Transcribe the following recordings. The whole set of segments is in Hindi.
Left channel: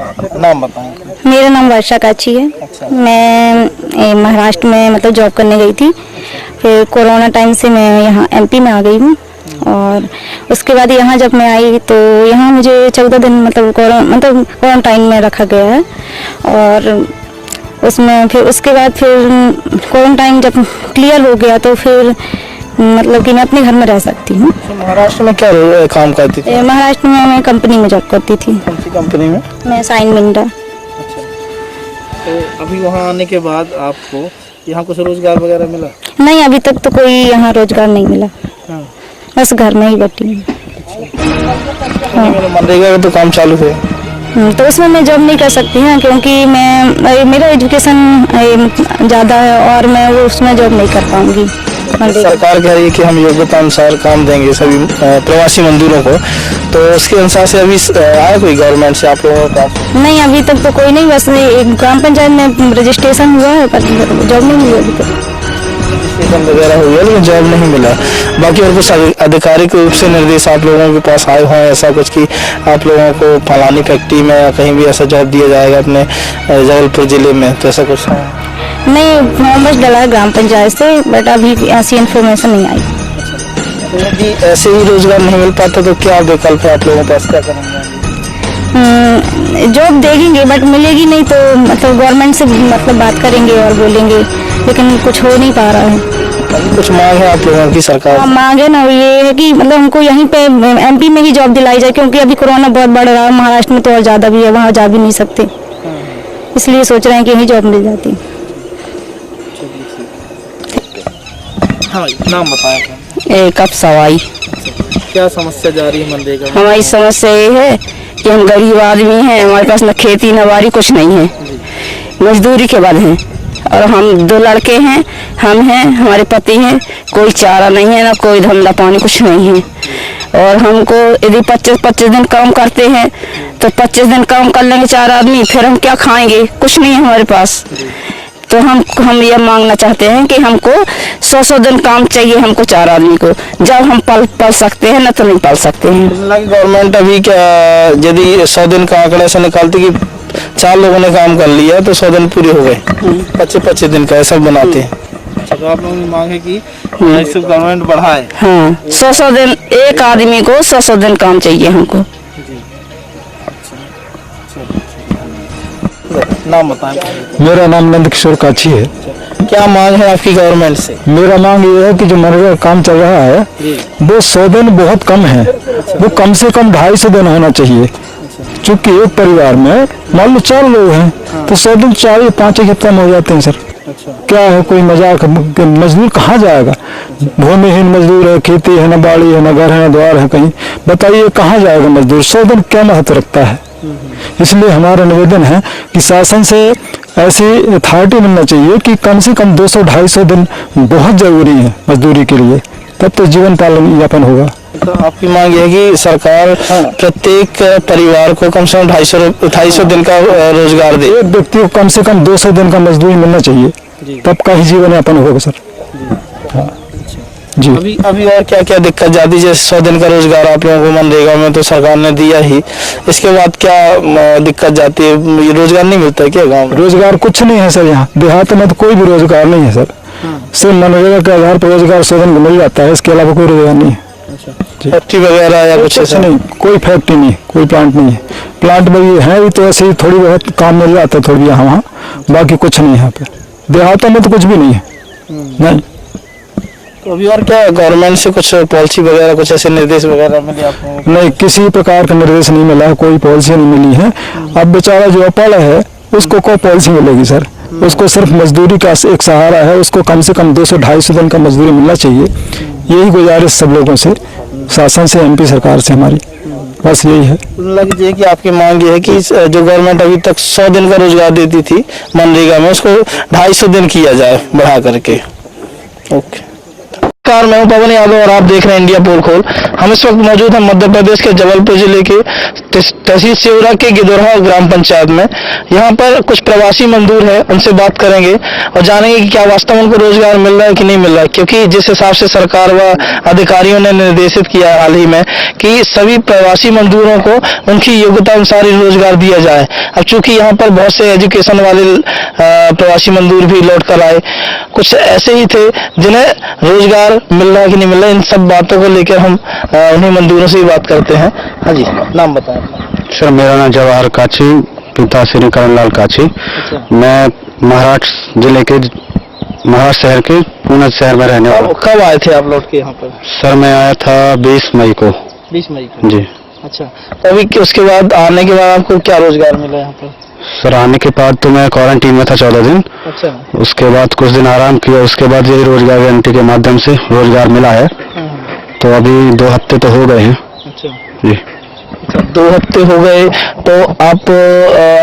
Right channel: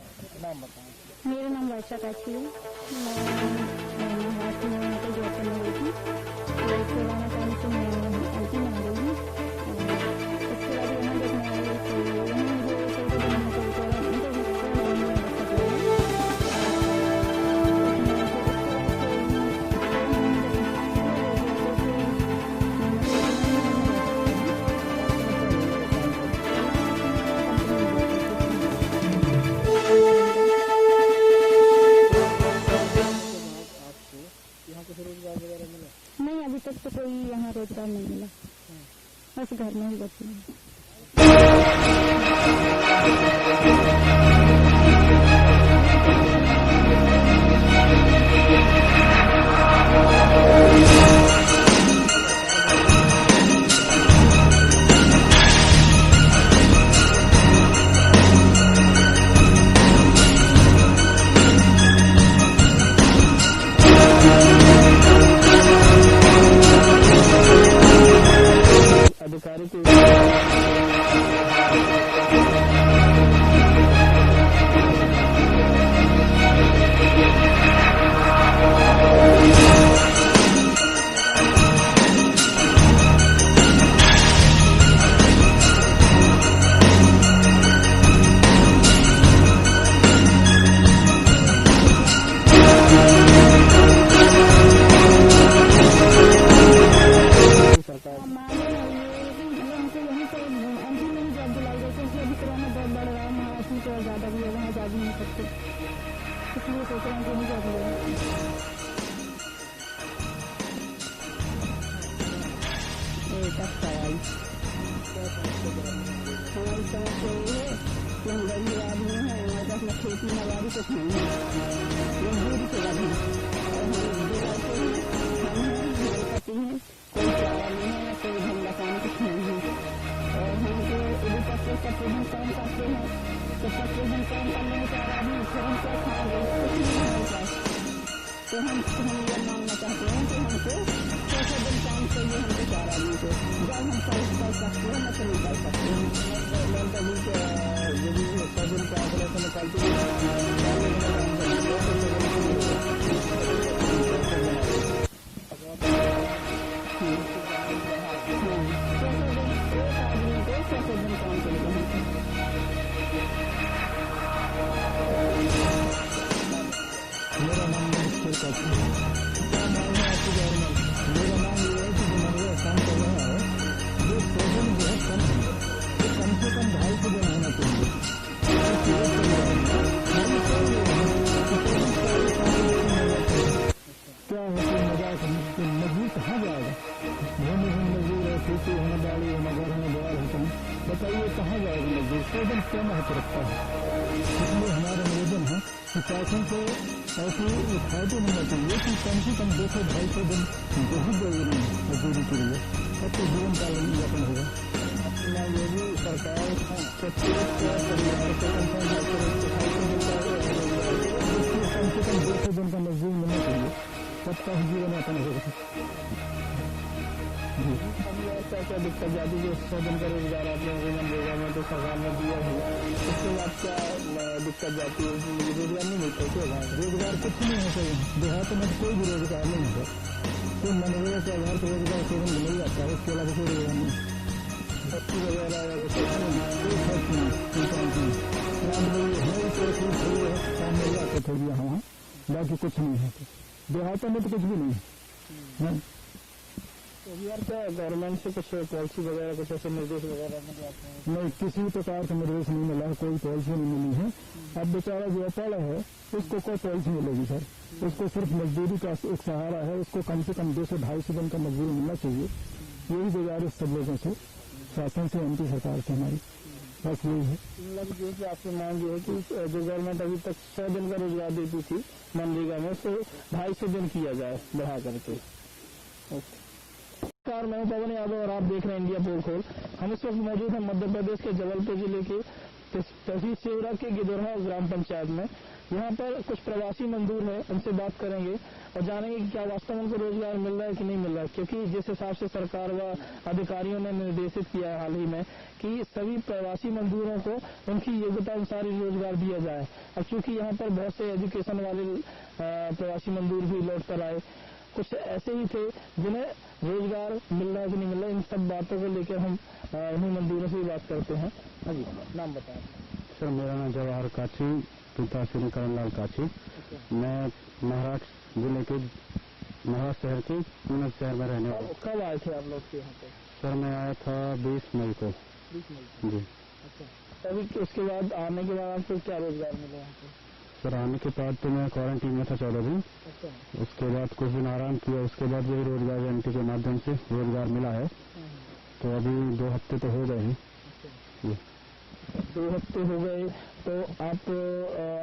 नाम बताएं। मेरा नाम वर्षा काची है। अच्छा। मैं महाराष्ट्र में मतलब जॉब करने गई थी। फिर कोरोना टाइम से मैं यहाँ एमपी में आ गई हूँ और उसके बाद यहाँ जब मैं आई तो यहाँ मुझे 14 दिन मतलब क्वारंटाइन में रखा गया है। और उसमें फिर उसके बाद फिर क्वारंटाइन जब क्लियर हो गया तो फिर मतलब कि मैं अपने घर में रह सकती हूँ। महाराष्ट्र में क्या काम करती थी? महाराष्ट्र में मैं कंपनी में जॉब करती थी। कौन सी कंपनी में? मैं साइन मिंडा। तो अभी वहाँ आने के बाद आपको यहाँ कुछ रोजगार वगैरह मिला? नहीं, अभी तक तो कोई यहाँ रोजगार नहीं मिला। हाँ। बस घर में ही बैठी हूँ। मनरेगा का तो काम चालू है। तो उसमें मैं जॉब नहीं कर सकती हूँ क्योंकि मेरा एजुकेशन ज़्यादा है और मैं वो उसमें जॉब नहीं कर पाऊँगी। सरकार कह रही है कि हम योग्यता अनुसार काम देंगे सभी प्रवासी मजदूरों को, तो उसके अनुसार से अभी आया कोई गवर्नमेंट से आप लोगों का? नहीं, अभी तक तो कोई नहीं। बस एक ग्राम पंचायत में रजिस्ट्रेशन हुआ है पर जॉब नहीं हुई अभी तक। वगैरह हुआ लेकिन जॉब नहीं मिला। बाकी और कुछ आधिकारिक रूप से निर्देश आप लोगों के पास आए हुए हैं ऐसा कुछ कि आप लोगों को फलानी फैक्ट्री में या कहीं भी ऐसा जॉब दिया जाएगा अपने जबलपुर जिले में, तो ऐसा कुछ नहीं? बस डला है ग्राम पंचायत से, बट अभी ऐसी इन्फॉर्मेशन नहीं आई। यदि ऐसे ही रोजगार नहीं मिल पाता तो क्या विकल्प है आप लोगों के पास, क्या करना? जॉब देखेंगे बट मिलेगी नहीं तो मतलब गवर्नमेंट से मतलब बात करेंगे और बोलेंगे, लेकिन कुछ हो नहीं पा रहा है। कुछ मांग है आप लोगों की सरकार? मांग है ना, ये है कि मतलब हमको यहीं पे एमपी में ही जॉब दिलाई जाए क्योंकि अभी कोरोना बहुत बढ़ रहा है। महाराष्ट्र में तो और ज़्यादा भी है, वहाँ जा भी नहीं सकते, इसलिए सोच रहे हैं कि यहीं जॉब मिल जाती। हाँ, नाम बताएं। एक अब सवाई क्या समस्या जा रही है मनरेगा में? हमारी समस्या ये है कि हम गरीब आदमी हैं, हमारे पास न खेती न बाड़ी कुछ नहीं है, मजदूरी के बाद हैं और हम 2 लड़के हैं, हम हैं, हमारे पति हैं, कोई चारा नहीं है ना कोई धंधा पानी कुछ नहीं है। और हमको यदि 25 दिन काम करते हैं तो 25 दिन काम कर लेंगे 4 आदमी, फिर हम क्या खाएंगे? कुछ नहीं है हमारे पास। तो हम ये मांगना चाहते हैं कि हमको 100 दिन काम चाहिए हमको 4 आदमी को, जब हम पल सकते हैं ना तो नहीं पल सकते हैं। गवर्नमेंट अभी क्या यदि 100 दिन का आंकड़ा ऐसा निकालती कि 4 लोगों ने काम कर लिया तो 100 दिन पूरे हो गए, 25 दिन का ऐसा बनाते हैं। तो आप लोगों की मांग है कि गवर्नमेंट बढ़ाए। हाँ, 100 दिन एक आदमी को 100 दिन काम चाहिए हमको। नाम बताएं। मेरा नाम नंद किशोर काची है। क्या मांग है आपकी गवर्नमेंट से? मेरा मांग ये है कि जो मनरेगा काम चल रहा है वो 100 दिन बहुत कम है, वो कम से कम 250 दिन होना चाहिए। चूँकि एक परिवार में मान लो 4 लोग हैं तो 100 दिन 4 या 5 ही कम हो जाते हैं सर। क्या है, कोई मजाक? मजदूर कहाँ जाएगा? भूमिहीन मजदूर है, खेती है, न बाड़ी है, न घर है, न द्वार है, कहीं बताइए कहाँ जाएगा मजदूर? 100 दिन क्या महत्व रखता है? इसलिए हमारा निवेदन है कि शासन से ऐसी अथॉरिटी मिलना चाहिए कि कम से कम 200-250 दिन बहुत जरूरी है मजदूरी के लिए, तब तो जीवन यापन होगा। तो आपकी मांग है कि सरकार प्रत्येक परिवार को कम से कम 250 दिन का रोजगार दे। एक व्यक्ति को कम से कम 200 दिन का मजदूरी मिलना चाहिए, तब का ही जीवन यापन होगा सर। हाँ जी। अभी और क्या क्या दिक्कत जाती है? जैसे 100 दिन का रोजगार आप लोगों को मनरेगा में तो सरकार ने दिया ही, इसके बाद क्या दिक्कत जाती है? ये रोजगार नहीं मिलता है क्या गाँव में? रोजगार कुछ नहीं है सर, यहाँ देहात में तो कोई भी रोजगार नहीं है सर। सिर्फ मनरेगा के आधार पर रोजगार 100 दिन मिल जाता है, इसके अलावा कोई रोजगार नहीं है। फैक्ट्री वगैरह या कुछ ऐसा नहीं, कोई फैक्ट्री नहीं, कोई प्लांट नहीं है। प्लांट में ये है तो ऐसे ही थोड़ी बहुत काम मिल जाता है, थोड़ी यहाँ वहाँ, बाकी कुछ नहीं है यहाँ पे। देहातों में तो कुछ भी नहीं है। नहीं। तो अभी और क्या गवर्नमेंट से कुछ पॉलिसी वगैरह कुछ ऐसे निर्देश वगैरह मिले आपको? नहीं, किसी प्रकार का निर्देश नहीं मिला, कोई पॉलिसी नहीं मिली है। अब बेचारा जो अपाला है उसको कोई पॉलिसी मिलेगी सर? उसको सिर्फ मजदूरी का एक सहारा है, उसको कम से कम 200-250 दिन का मजदूरी मिलना चाहिए। यही गुजारिश सब लोगों से, शासन से, एमपी सरकार से हमारी बस यही है। लगे कि आपकी मांग ये है कि जो गवर्नमेंट अभी तक 100 दिन का रोजगार देती थी मनरेगा में, उसको 250 दिन किया जाए बढ़ा करके। ओके। नमस्कार, मैं हूं पवन यादव और आप देख रहे हैं इंडिया पोल खोल। हम इस वक्त मौजूद हैं मध्य प्रदेश के जबलपुर जिले के तहसील सिवरा के गिदोरहा ग्राम पंचायत में। यहाँ पर कुछ प्रवासी मजदूर हैं, उनसे बात करेंगे और जानेंगे कि क्या वास्तव में उनको रोजगार मिल रहा है कि नहीं मिल रहा है, क्योंकि जिस हिसाब से सरकार व अधिकारियों ने निर्देशित किया हाल ही में कि सभी प्रवासी मजदूरों को उनकी योग्यता अनुसार ही रोजगार दिया जाए। अब चूंकि यहाँ पर बहुत से एजुकेशन वाले प्रवासी मजदूर भी लौट कर आए, कुछ ऐसे ही थे जिन्हें रोजगार मिल रहा है कि नहीं मिल रहा है, इन सब बातों को लेकर हम उन्हीं मजदूरों से ही बात करते हैं। हाँ जी, नाम बताएं। सर, मेरा नाम जवाहर काची, पिता श्री करणलाल काची। मैं महाराष्ट्र जिले के महाराष्ट्र शहर के पूना शहर में रहने वाला। कब आए थे आप लौट के यहाँ पर? सर, मैं आया था 20 मई को। 20 मई को जी। अच्छा, तो अभी उसके बाद आने के बाद आपको क्या रोजगार मिला यहाँ पर? सर, आने के बाद तो मैं क्वारंटीन में था 14 दिन। अच्छा। उसके बाद कुछ दिन आराम किया, उसके बाद यही रोजगार गारंटी के माध्यम से रोजगार मिला है। तो अभी 2 हफ्ते तो हो गए हैं। अच्छा जी। अच्छा, 2 हफ्ते हो गए, तो आप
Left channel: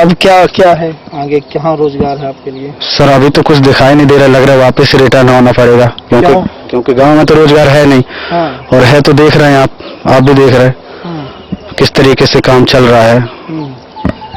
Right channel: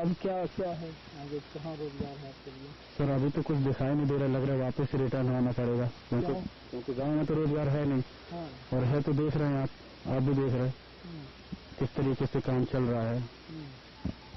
अब क्या क्या है आगे, कहाँ रोजगार है आपके लिए? सर, अभी तो कुछ दिखाई नहीं दे रहा, लग रहा है वापस रिटर्न होना पड़ेगा, क्योंकि गांव में तो रोजगार है नहीं। हाँ। और है तो देख रहे हैं आप भी देख रहे हैं किस तरीके से काम चल रहा है।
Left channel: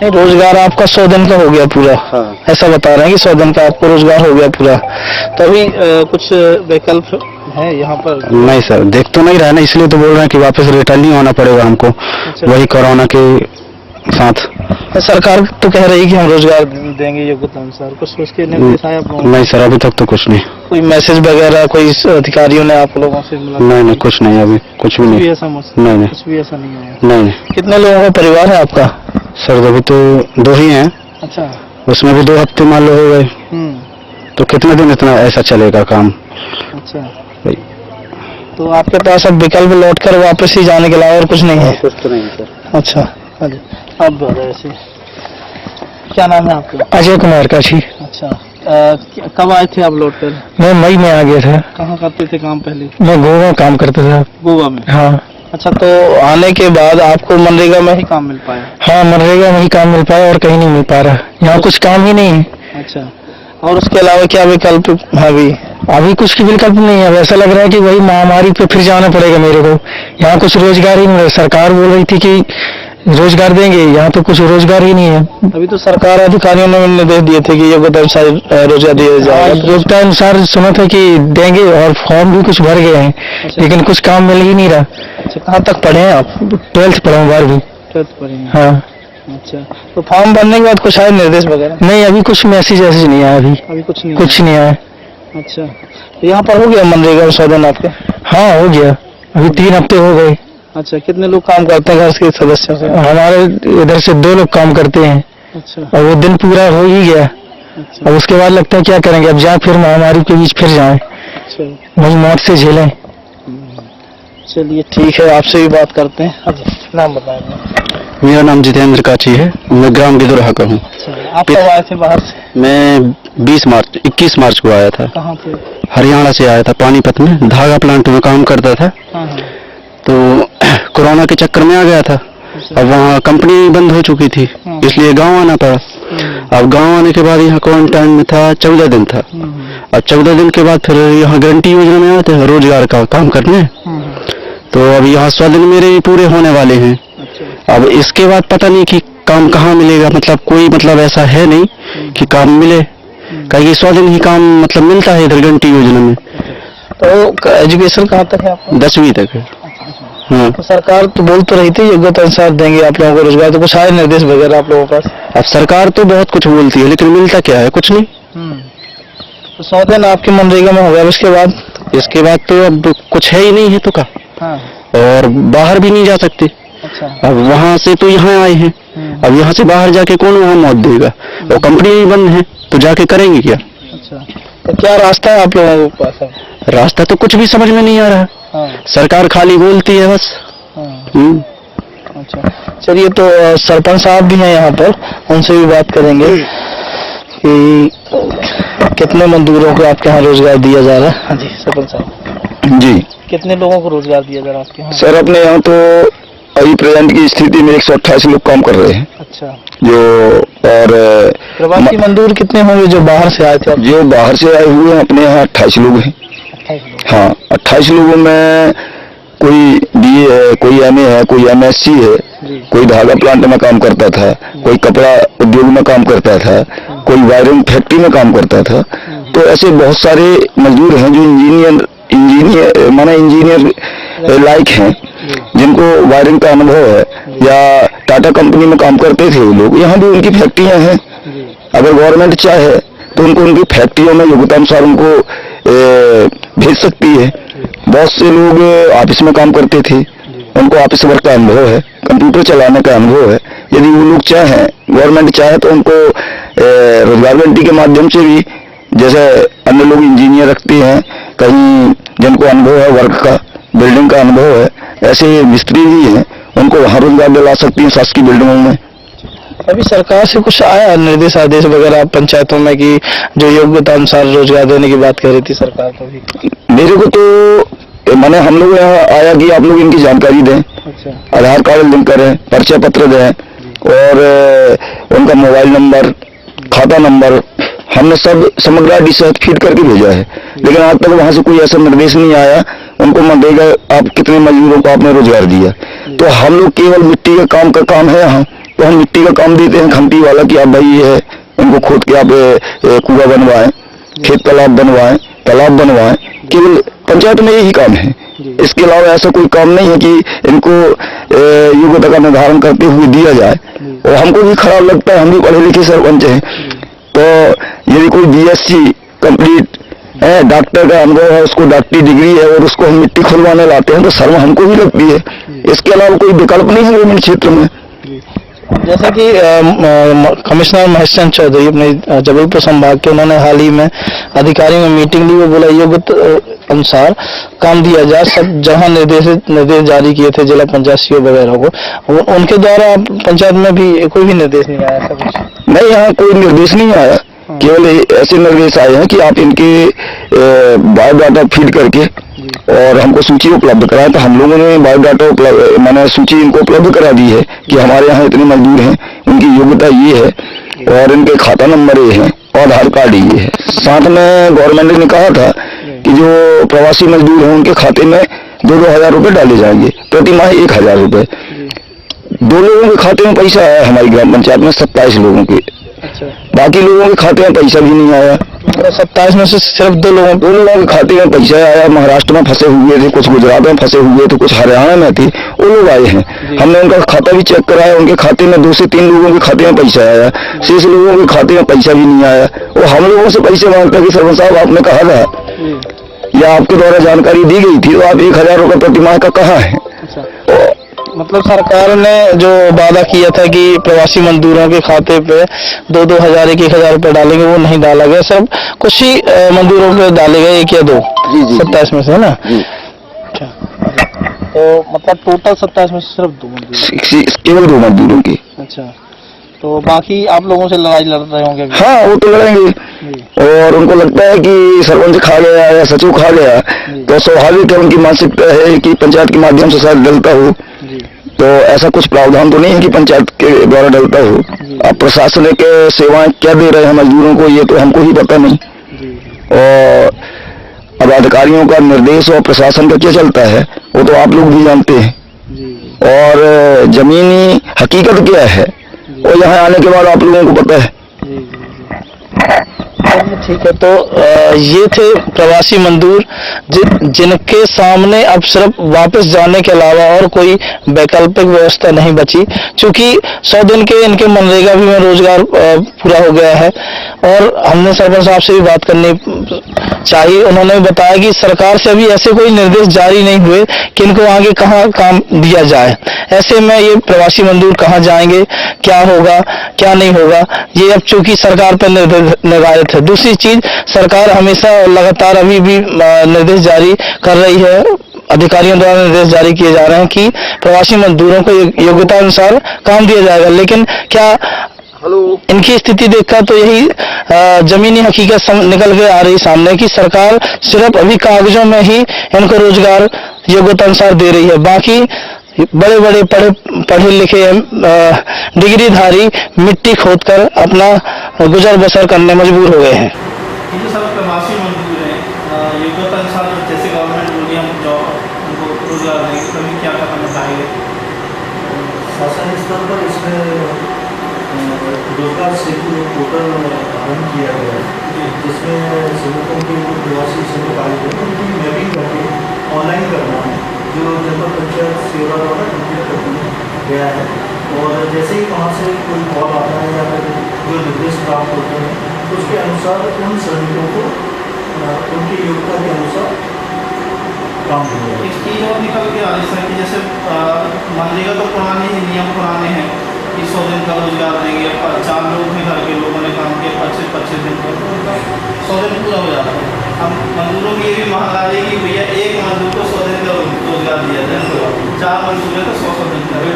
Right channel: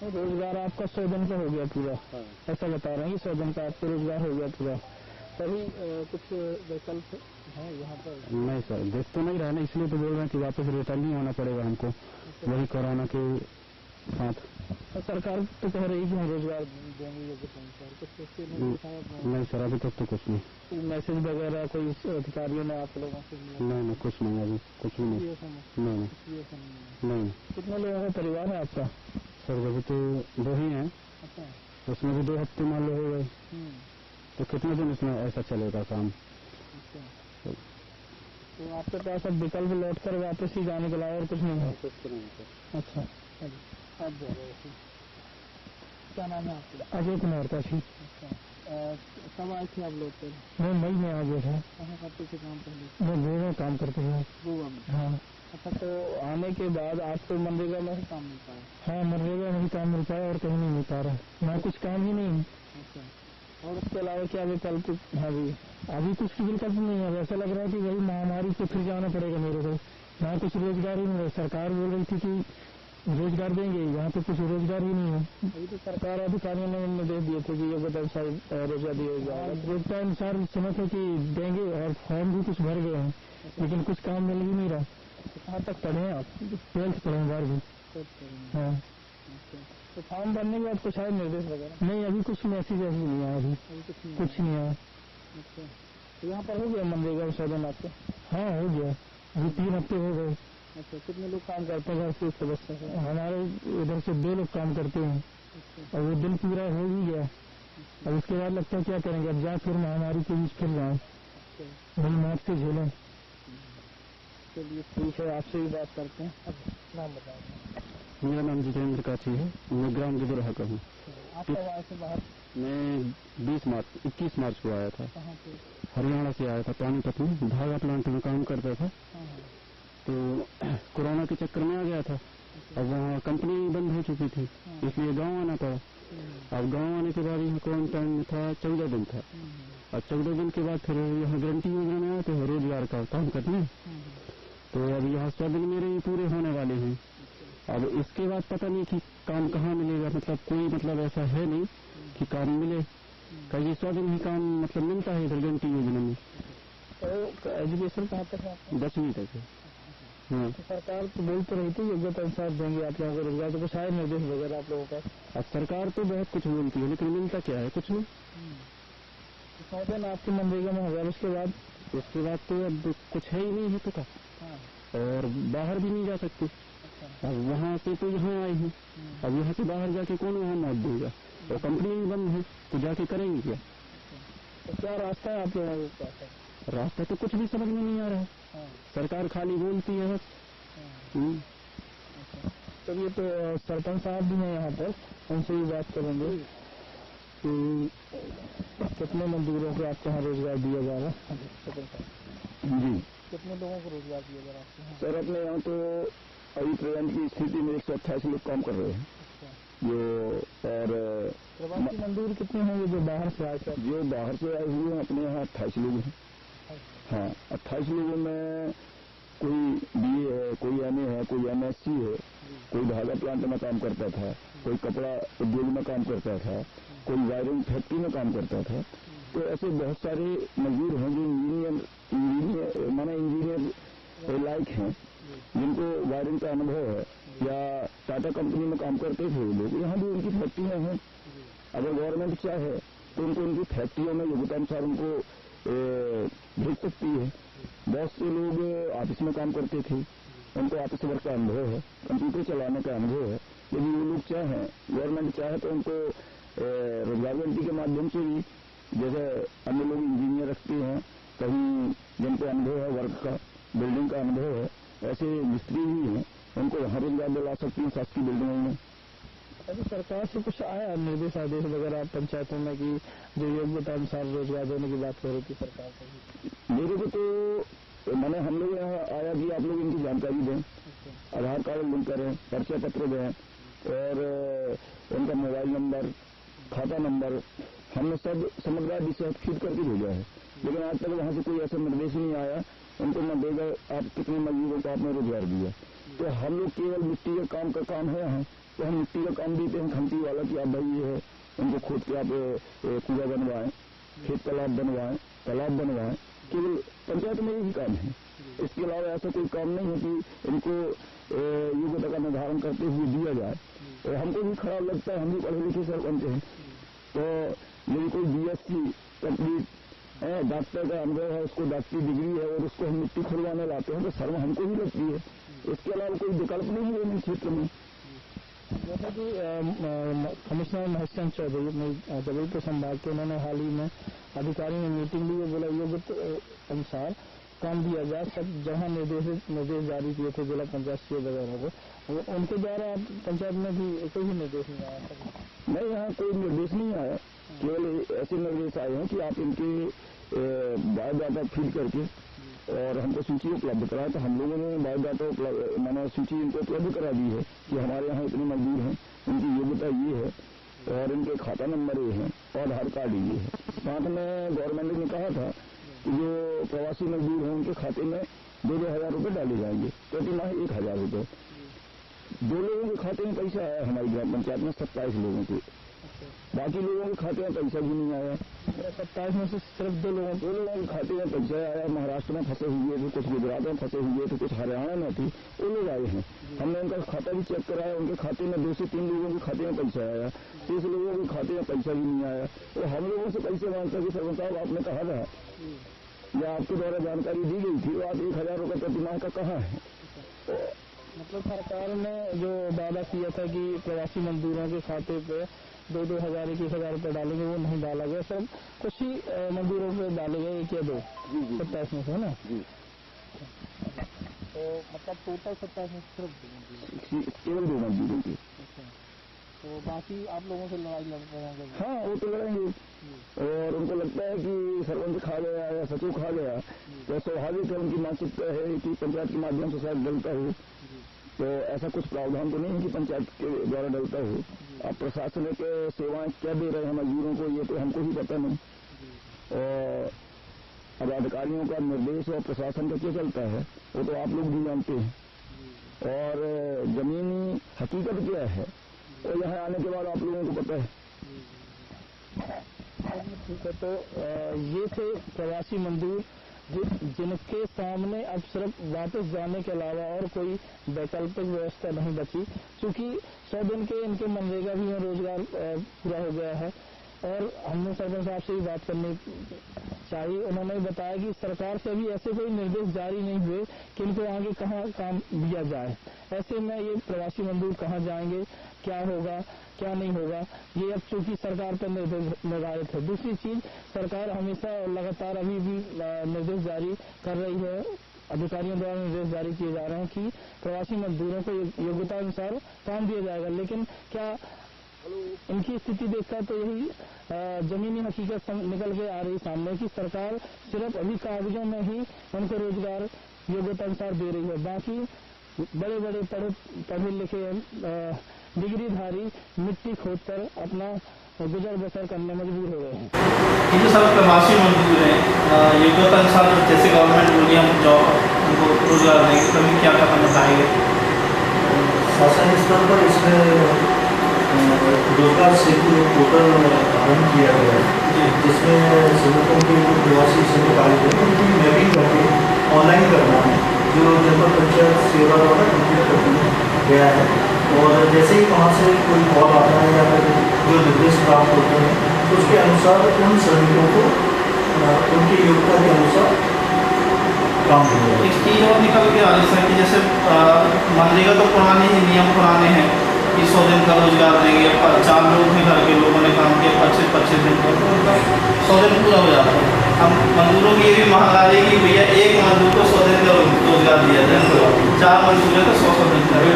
नहीं, रोजगार आपका 100 दिन का हो गया पूरा। हाँ। ऐसा बता रहे हैं कि 100 दिन का आपको रोजगार हो गया पूरा, तो अभी कुछ विकल्प है यहाँ पर? नहीं सर, देख तो नहीं रहा है ना, इसलिए तो बोल रहे हैं कि वापस रिटर्न नहीं होना पड़ेगा हमको। अच्छा। वही कोरोना के साथ। सरकार तो कह रही है कि हम रोजगार देंगे योग्यता अनुसार, कुछ उसके निर्देश आए आप लोगों को? नहीं सर, अभी तक तो कुछ नहीं। कोई मैसेज वगैरह कोई अधिकारियों ने आप लोगों से मिला? नहीं, कुछ नहीं, अभी कुछ भी नहीं। ऐसा नहीं। कुछ भी ऐसा नहीं है? नहीं। कितने लोगों का परिवार है आपका? सर, अभी तो 2 ही हैं। अच्छा। उसमें भी 2 हफ्ते मान लो हो गए, तो कितने दिन इतना ऐसा चलेगा काम? अच्छा, भाई। तो आपके पास अब विकल्प लौट कर वापस ही जाने के अलावा और कुछ नहीं है? कुछ तो नहीं सर। अच्छा, हाँ जी, आप ऐसे क्या नाम है आपका? अजय कुमार काशी। अच्छा, कब आए थे आप लौट कर? मैं मई में आ गया था। कहाँ करते थे काम पहले? मैं गोवा में काम करता था। गोवा में? हाँ। अच्छा, तो आने के बाद आपको मनरेगा में ही काम मिल पाया? हाँ, मनरेगा में ही काम मिल पाया और कहीं नहीं मिल पा रहा, यहाँ कुछ काम ही नहीं है। अच्छा, और उसके अलावा क्या विकल्प है अभी कुछ की विकल्प नहीं है। ऐसा लग रहा है कि वही महामारी पे फिर जाना पड़ेगा मेरे को। यहाँ कुछ रोजगार ही नहीं है। सरकार बोल रही थी कि रोजगार देंगे, यहाँ तो कुछ रोजगार ही नहीं है। अभी तो सरकार अधिकारियों ने निर्देश दिए थे कि योग्यता अनुसार रोजगार दिया जाएगा। योग्यता अनुसार सुना था कि देंगे और फॉर्म भी कुछ भर गए हैं। अच्छा। लेकिन कुछ काम मिल ही नहीं रहा। अच्छा, कहाँ तक पढ़े हैं आप? 12th पढ़ा हूँ, 12वीं। 12th पढ़े हैं? हाँ। अच्छा, तो फॉर्म भरने के बाद कुछ आए निर्देश वगैरह? नहीं, अभी कुछ मैसेज नहीं आया। अभी कुछ नहीं? कुछ नहीं आया। अच्छा, तो यहाँ पर हो गया मनरेगा में 100 दिन आपके? हाँ, हो गया। अभी 3 हफ्ते हो गए। अच्छा, कितने लोग काम करते हैं घर के सदस्यों से? हमारे इधर से 2 लोग काम करते हैं। अच्छा। और वो दिन पूरा हो ही गया। अच्छा। अब उसके बाद लगता है क्या करेंगे, अब जाए फिर महामारी के बीच फिर जाए, अच्छा, वही मौत से झेलें। चलिए ठीक है, आपसे भी बात करते हैं। हाँ जी, नाम बताएं। मेरा नाम जितेंद्र काची है, मैं ग्राम गिदोरहा का हूँ। अच्छा, आप कब आए थे बाहर से? मैं 21 मार्च को आया था। कहाँ पे? हरियाणा से आया था, पानीपत में धागा प्लांट में काम करता था। हाँ। तो कोरोना के चक्कर में आ गया था। अब वहाँ कंपनी बंद हो चुकी थी, इसलिए गांव आना पड़ा। अब गांव आने के बाद यहाँ क्वारंटाइन में था 14 दिन था। अब 14 दिन के बाद फिर यहाँ गारंटी योजना में आए थे रोजगार का काम करने। तो अब यहाँ 100 दिन मेरे भी पूरे होने वाले हैं। अब इसके बाद पता नहीं कि काम कहाँ मिलेगा, मतलब कोई मतलब ऐसा है नहीं कि काम मिले, कहीं 100 दिन ही काम मतलब मिलता है इधर गारंटी योजना में। तो एजुकेशन कहाँ तक है आपका? 10वीं तक है। हाँ। तो सरकार तो बोल तो रही थी योग्यता अनुसार देंगे आप लोगों को रोजगार, तो कुछ आए निर्देश वगैरह आप लोगों के पास? अब सरकार तो बहुत कुछ बोलती है, लेकिन मिलता क्या है? कुछ नहीं। तो 100 दिन आपके मनरेगा में हो गया, इसके बाद तो अब कुछ है ही नहीं है तो का। हाँ। और बाहर भी नहीं जा सकते। अच्छा। अब वहाँ से तो यहाँ आए हैं, अब यहाँ से बाहर जाके कौन वहाँ मौत देगा? और कंपनी भी बंद है, तो जाके करेंगे क्या? अच्छा, तो क्या रास्ता है आप लोगों के पास? रास्ता तो कुछ भी समझ में नहीं आ रहा। हाँ। सरकार खाली बोलती है बस। हाँ। अच्छा, चलिए, तो सरपंच साहब भी हैं यहाँ पर, उनसे भी बात करेंगे कि कितने मजदूरों को आपके यहाँ रोजगार दिया जा रहा है। हाँ जी, सरपंच साहब जी, कितने लोगों को रोजगार दिया जा रहा है आपके यहाँ? सर, अपने यहाँ तो अभी प्रेजेंट की स्थिति में 128 लोग काम कर रहे हैं। अच्छा। जो और प्रवासी मजदूर कितने होंगे जो बाहर से आए थे? जो बाहर से आए हुए हैं अपने यहाँ 28 लोग हैं। हाँ, 28 लोगों में कोई BA है, कोई MA है, कोई MSc है, कोई धागा प्लांट में काम करता था, कोई कपड़ा उद्योग में काम करता था, कोई वायरिंग फैक्ट्री में काम करता था। तो ऐसे बहुत सारे मजदूर हैं जो इंजीनियर लायक हैं, जिनको वायरिंग का अनुभव है, या टाटा कंपनी में काम करते थे वो लोग। यहाँ भी उनकी फैक्ट्रियां हैं। अगर गवर्नमेंट चाहे तो उनको उनकी फैक्ट्रियों में योग्यता अनुसार उनको भेज सकती है। बहुत से लोग ऑफिस में काम करते थे, उनको ऑफिस वर्क का अनुभव है, कंप्यूटर चलाने का अनुभव है। यदि वो लोग चाहें, गवर्नमेंट चाहे तो उनको रोजगार गारंटी के माध्यम से भी, जैसे अन्य लोग इंजीनियर रखते हैं कहीं जिनको अनुभव है वर्क का, बिल्डिंग का अनुभव है, ऐसे मिस्त्री भी हैं, उनको वहाँ रोजगार दिला सकती हैं शासकीय बिल्डिंगों में। अभी सरकार से कुछ आया निर्देश आदेश वगैरह पंचायतों में कि जो योग्यता अनुसार रोजगार देने की बात कह रही थी सरकार को भी? मेरे को तो मैंने हम लोग यहाँ आया कि आप लोग इनकी जानकारी दें। अच्छा। आधार कार्ड लिंक करें, परिचय पत्र दें और उनका मोबाइल नंबर, खाता नंबर, हमने सब समग्र ID सहित फीड करके भेजा है। लेकिन आज तक वहाँ से कोई ऐसा निर्देश नहीं आया उनको मनरेगा आप कितने मजदूरों को आपने रोजगार दिया। तो हम लोग केवल मिट्टी के काम का काम है यहाँ, तो हम मिट्टी का काम देते हैं खंती वाला कि आप भाई ये है, इनको खोद के आप कुआं बनवाएं, खेत तालाब बनवाएं, तालाब बनवाएं। केवल पंचायत में यही काम है। इसके अलावा ऐसा कोई काम नहीं है कि इनको योग्यता का निर्धारण करते हुए दिया जाए। और हमको भी खराब लगता है, हम भी पढ़े लिखे सरपंच हैं, तो यदि कोई BSc कंप्लीट है, डॉक्टर का अनुभव है, उसको डॉक्टरी डिग्री है और उसको हम मिट्टी खुलवाने लाते हैं तो शर्म हमको भी लगती है। इसके अलावा कोई विकल्प नहीं है ग्रामीण क्षेत्र में। जैसा कि कमिश्नर महेश चंद्र चौधरी अपने जबलपुर संभाग के, उन्होंने हाल ही में अधिकारियों में मीटिंग ली, वो बोला योग्यता अनुसार काम दिया जाए। सब जहां निर्देश जारी किए थे जिला पंचायत CO वगैरह को, उनके द्वारा पंचायत में भी कोई भी निर्देश नहीं आया? सब कुछ नहीं, यहाँ कोई निर्देश नहीं आया, केवल ऐसे निर्देश आए हैं कि आप इनके बायोडाटा फीड करके और हमको सूची उपलब्ध कराएं। तो हम लोगों ने बायोडाटा मैंने सूची इनको उपलब्ध करा दी है कि हमारे यहाँ इतने मजदूर हैं, उनकी योग्यता ये है और इनके खाता नंबर ये है और आधार कार्ड ये है। साथ में गवर्नमेंट ने कहा था कि जो प्रवासी मजदूर हैं उनके खाते में 2-2 हजार रुपये डाले जाएंगे, प्रति माह 1,000 रुपये। 2 लोगों के खाते में पैसा आया हमारी ग्राम पंचायत में, 27 लोगों के। अच्छा। बाकी लोगों के खाते में पैसा भी नहीं आया। 27 में से सिर्फ 2 लोगों के खाते में पैसा आया। महाराष्ट्र में फंसे हुए थे, कुछ गुजरात में फंसे हुए थे, कुछ हरियाणा में थे, वो लोग आए हैं। हमने उनका खाता भी चेक कराया, उनके खाते में 2 से 3 लोगों के खाते में पैसा आया, 6 लोगों के खाते में पैसा भी नहीं आया। और हम लोगों से पैसे मांगता कि सरपंच साहब आपने कहा था या आपके द्वारा जानकारी दी गई थी, तो आप 1,000 रुपये प्रति माह का कहाँ है? मतलब सरकार ने जो वादा किया था कि प्रवासी मजदूरों के खाते पे 2-2 हजार 1,000 रुपये डालेंगे, वो नहीं डाला गया। सिर्फ कुछ ही मजदूरों पे डाले गए, 1 या 2। 27 में से, है ना? अच्छा। तो मतलब टोटल 27 में से सिर्फ 2 मजदूर, केवल 2 मजदूरों की। अच्छा। तो बाकी आप लोगों से लड़ाई लड़ रहे होंगे? हाँ, वो तो लड़ेंगे। और उनको लगता है कि सरपंच खा गया या सचिव खा गया, तो स्वाभाविक है उनकी मानसिकता है कि पंचायत के माध्यम से शायद डलता हो। तो ऐसा कुछ प्रावधान तो नहीं है कि पंचायत के द्वारा डलता हो। अब प्रशासनिक सेवाएं क्या दे रहे हैं मजदूरों को, ये तो हमको ही पता नहीं। और अब अधिकारियों का निर्देश और प्रशासन का क्या चलता है वो तो आप लोग भी जानते हैं। और जमीनी हकीकत क्या है और यहाँ आने के बाद आप लोगों को पता है। ठीक है। तो ये थे प्रवासी मजदूर जिनके सामने अब सिर्फ वापस जाने के अलावा और कोई वैकल्पिक व्यवस्था नहीं बची, क्योंकि 100 दिन के इनके मनरेगा भी में रोजगार पूरा हो गया है। और हमने सरपंच साहब से भी बात करनी चाहिए, उन्होंने बताया कि सरकार से अभी ऐसे कोई निर्देश जारी नहीं हुए कि इनको आगे कहाँ काम दिया जाए। ऐसे में ये प्रवासी मजदूर कहाँ जाएंगे, क्या होगा क्या नहीं होगा, ये अब चूंकि सरकार पर निर्धारित है। दूसरी चीज, सरकार हमेशा लगातार अभी भी निर्देश जारी कर रही है, अधिकारियों द्वारा निर्देश जारी किए जा रहे हैं कि प्रवासी मजदूरों को योग्यता अनुसार काम दिया जाएगा। लेकिन क्या इनकी स्थिति देखकर तो यही जमीनी हकीकत निकल के आ रही सामने कि सरकार सिर्फ अभी कागजों में ही इनको रोजगार योग्यता अनुसार दे रही है। बाकी बड़े बड़े पढ़े लिखे डिग्रीधारी मिट्टी खोदकर अपना गुजर बसर करने मजबूर हो गए हैं। ये जो सब प्रवासी मजदूर हैं योग्यता अनुसार जैसे गवर्नमेंट बोली हम जॉब उनको रोजगार देंगे, तभी क्या कदम उठाएंगे? शासन स्तर पर इसमें रोजगार सेतु पोर्टल आरम्भ किया गया है, जिसमें श्रमिकों के जो प्रवासी श्रमिक आए थे उनकी मैपिंग करके ऑनलाइन करना है, जो जनपद पंचायत सेवा द्वारा कंप्लीट कर गया है। और जैसे ही वहाँ से कोई कॉल आता है या फिर जो निर्देश प्राप्त होते हैं, उसके अनुसार उन श्रमिकों को उनकी योग्यता के अनुसार काम किया जाए। एक चीज़ और निकल के आ रही है कि जैसे मनरेगा तो पुराने ही नियम पुराने हैं कि 100 दिन का रोजगार देंगे, 4 लोग भी घर के लोगों ने काम किया 25 दिन पर, तो उनका 100 दिन पूरा हो जाता है। अब मजदूरों की ये भी मांग आ रही है कि भैया एक मजदूर को 100 दिन का रोजगार दिया जाए, 4 मजदूर है तो 100 दिन का।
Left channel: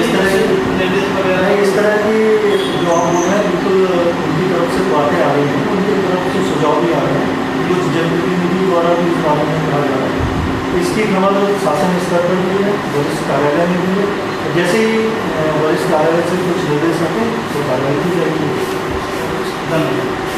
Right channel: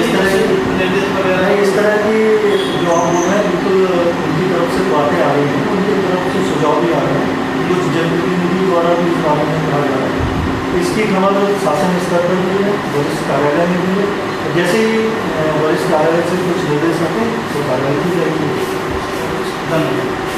इस तरह से निर्देश वगैरह इस तरह की जो आप बोल रहे हैं बिल्कुल उनकी तरफ से बातें आ रही हैं, उनकी तरफ से सुझाव भी आ रहे हैं, कुछ जनप्रतिनिधि द्वारा भी इस बारे में कहा जा रहा है। इसकी खबर शासन स्तर पर भी है, वरिष्ठ कार्यालय में भी है। जैसे ही वरिष्ठ कार्यालय से कुछ निर्देश आते हैं तो कार्रवाई की जाएगी। धन्यवाद।